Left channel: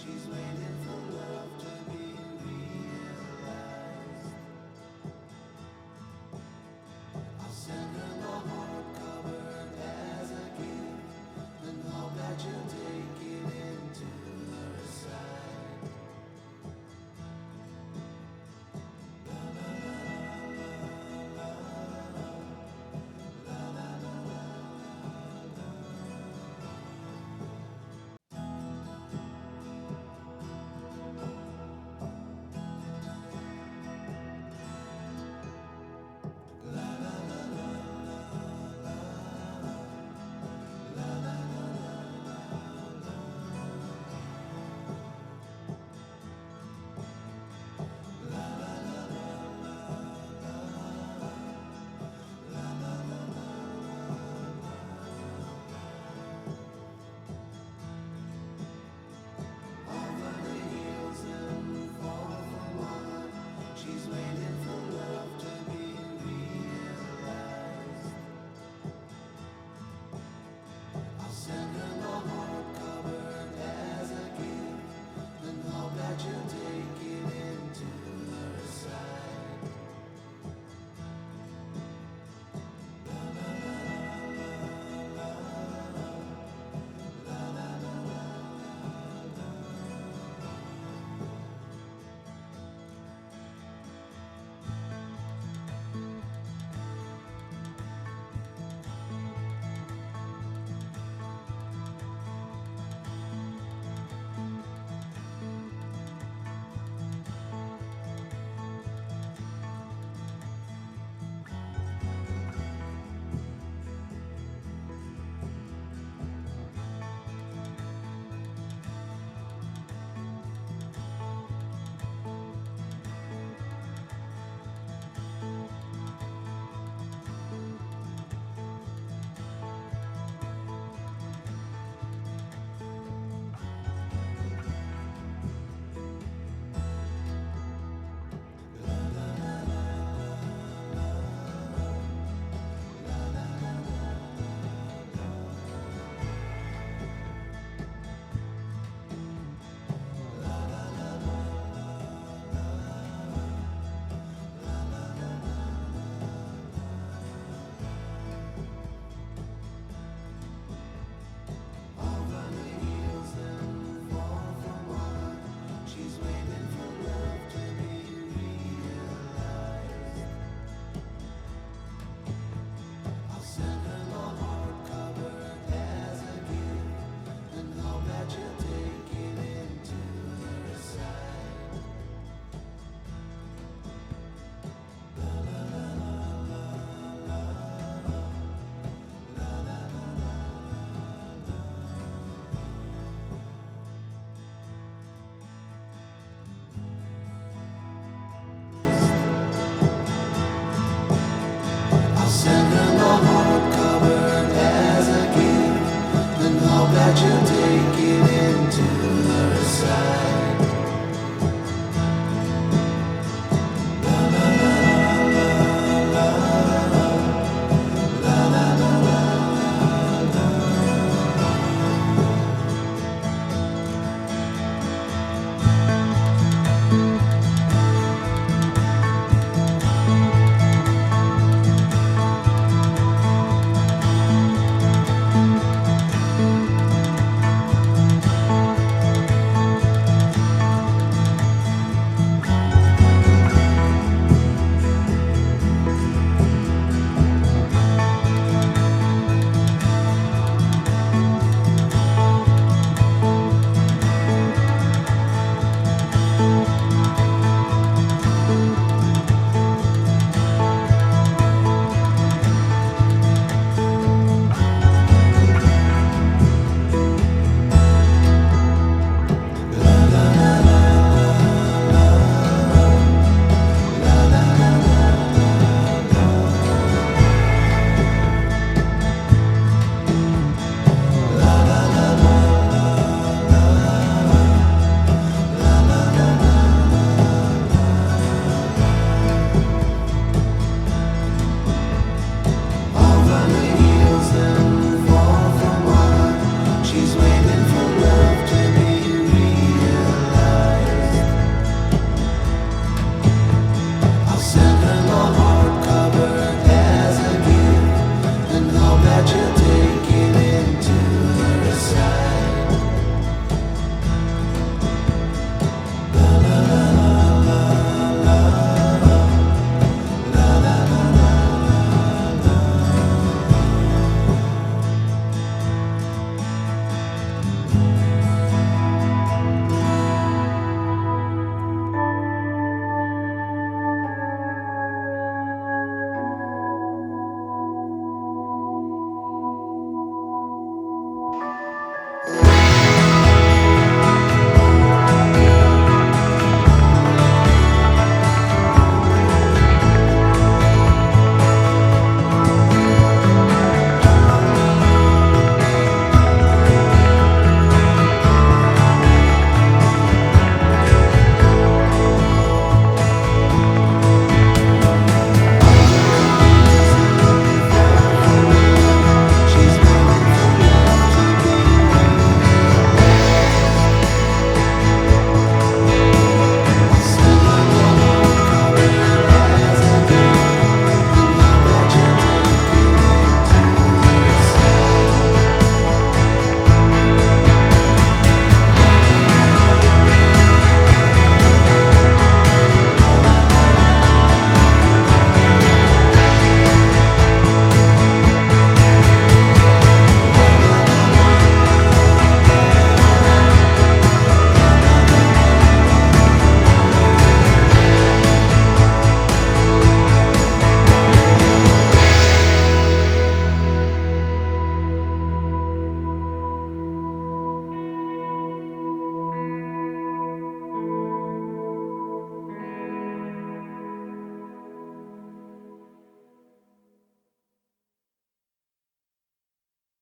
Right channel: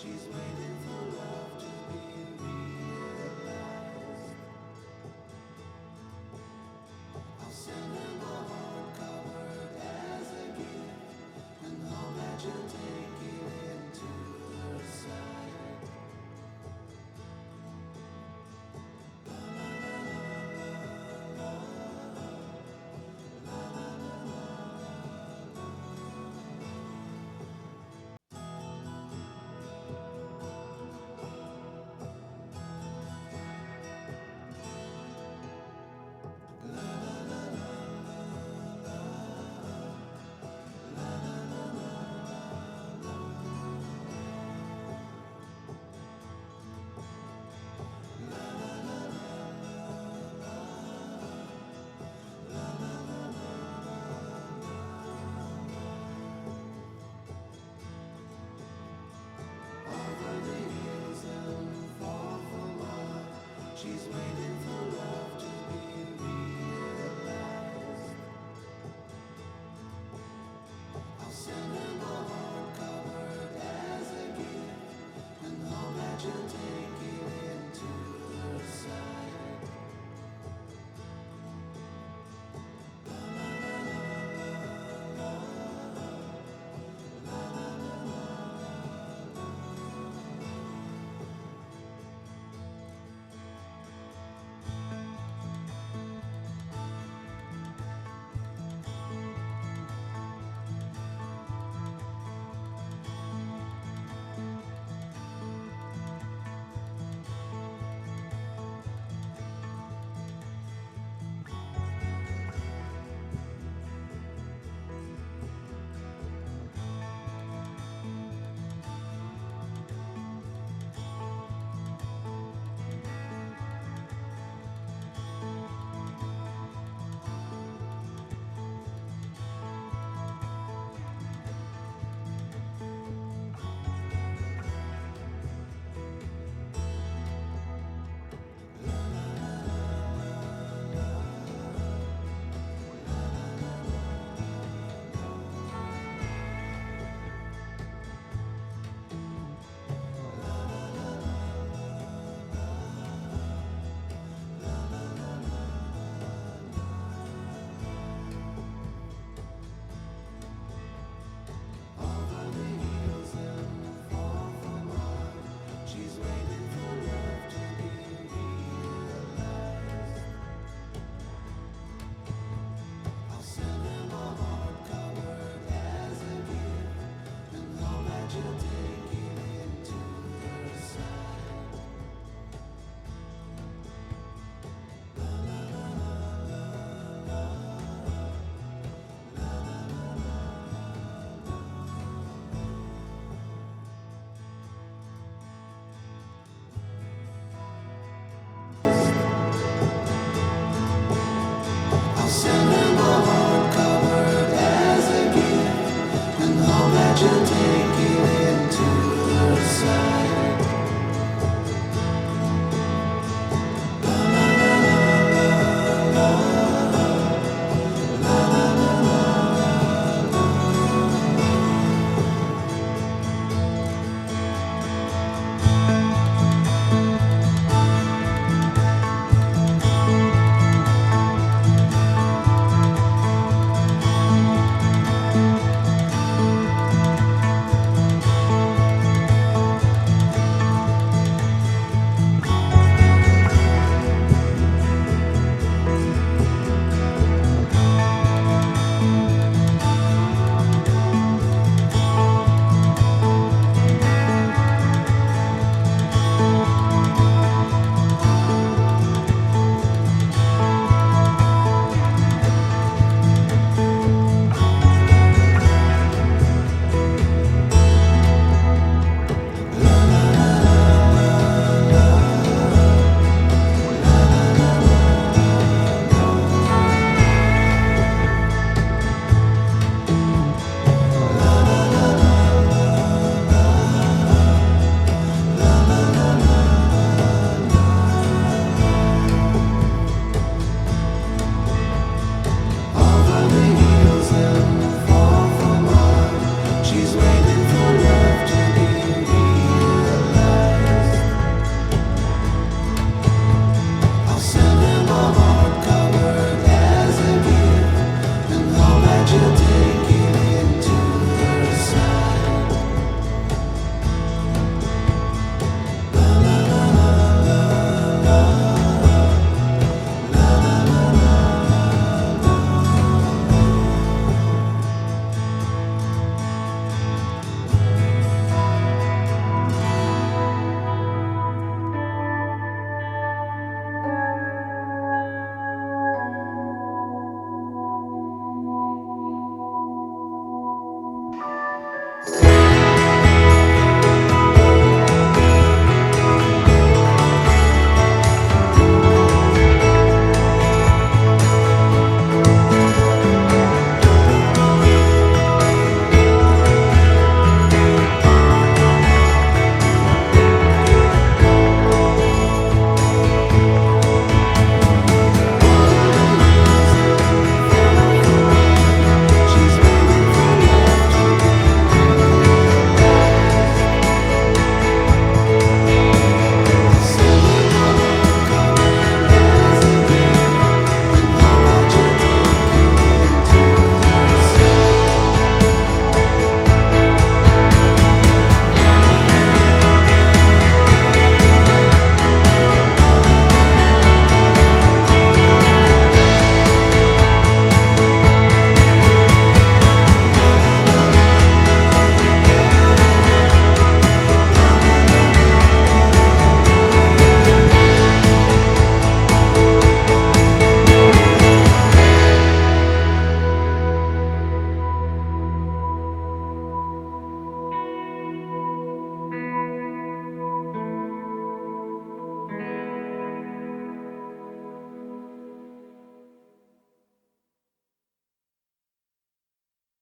She's waiting for love to be realized. I'll send her my heart covered as a gift and hope that you'll take it into her side. Over the hills and far from mine, she's waiting for love to be realized. I'll send her my heart covered as a gift and hope that you'll take it into her side. Over the hills and far from mine, she's waiting for love to be realized. I'll send her my heart covered as a gift and hope that you'll take it into her side. I'll send her my heart covered as a gift and hope that you'll take it in.